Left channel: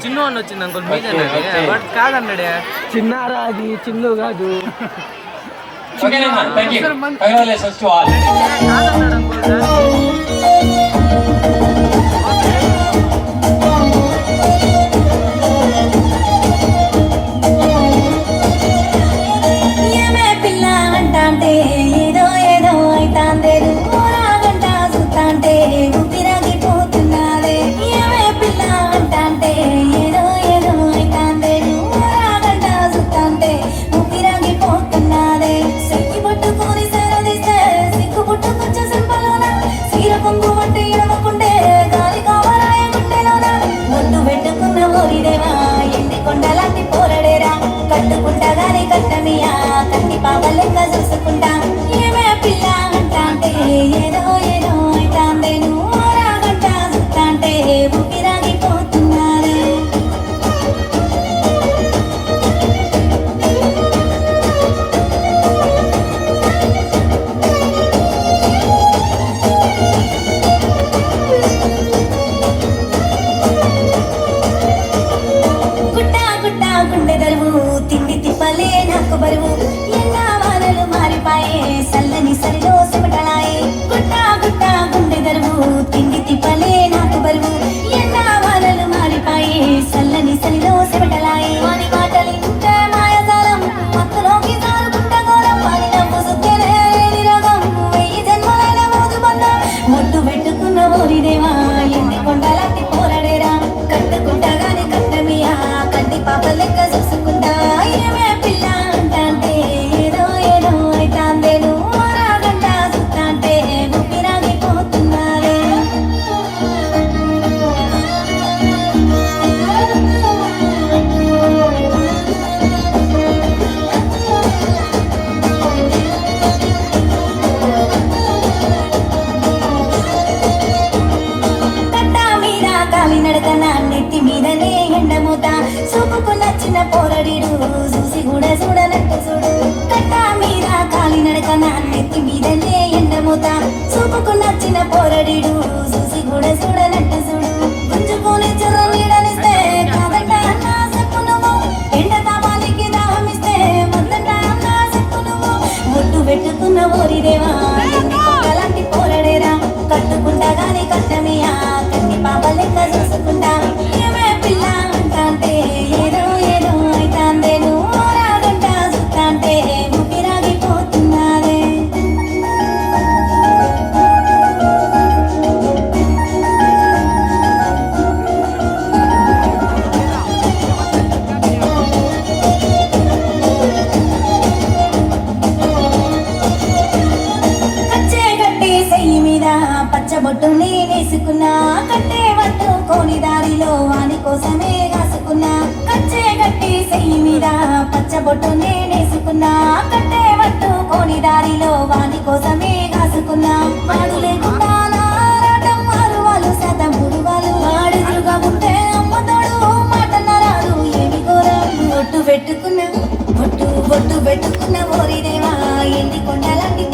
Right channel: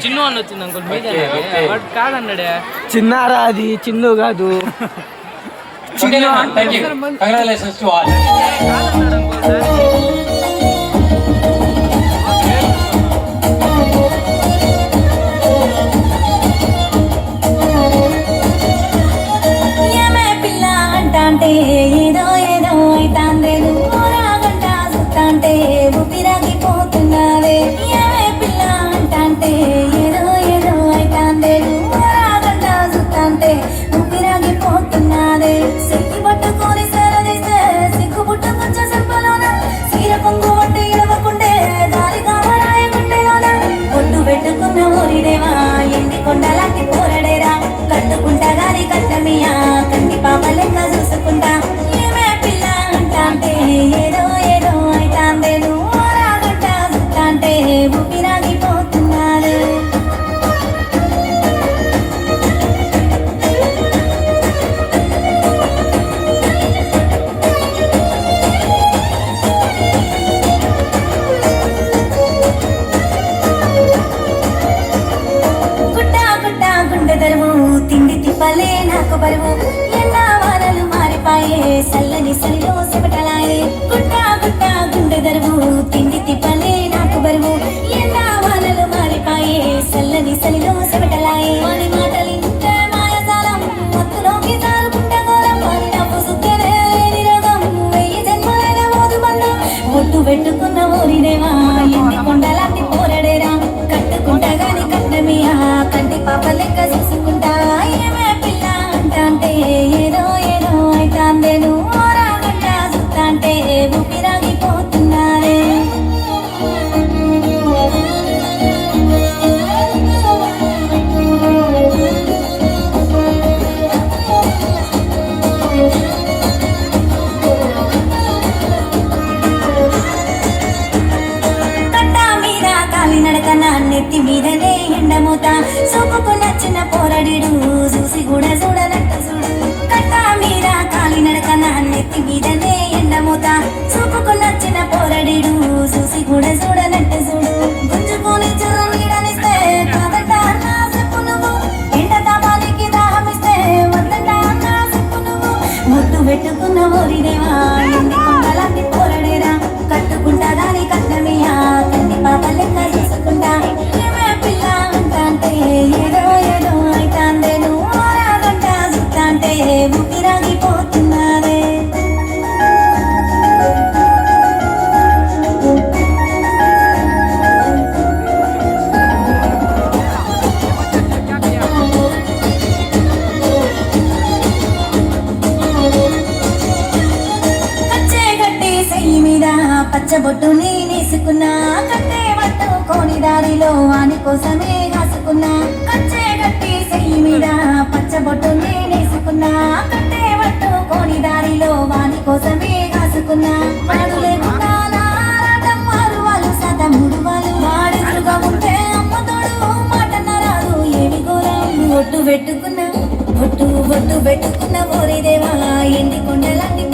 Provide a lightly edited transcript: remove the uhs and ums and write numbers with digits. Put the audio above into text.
చిన్ను అని వచ్చింది అంకుల్ మీదే బట్ కాదన్నాడే. చిన్నారా అది చిన్ను కాదు. కాదన్నాడు అంకుల్. కోసమే కాసుకున్నా కచ్చే గట్టి సెయ్యి మీద పచ్చబొట్టు నేనేసుకున్నా కట్టే వట్టు కోని దారిలో వాని కోసమే కాసుకున్నా మనకు లేకుండా నారాటం మారువాలు సత మురువాలు మాడిలుగా ఉంటే అమ్మతోడు మాటన్నరాలు ఏమి ఘోరం బొట్టు పెట్టుకున్నా బొట్టు పెట్టుకున్న ఓరి దేవా ఎల్లి కొండలాంటి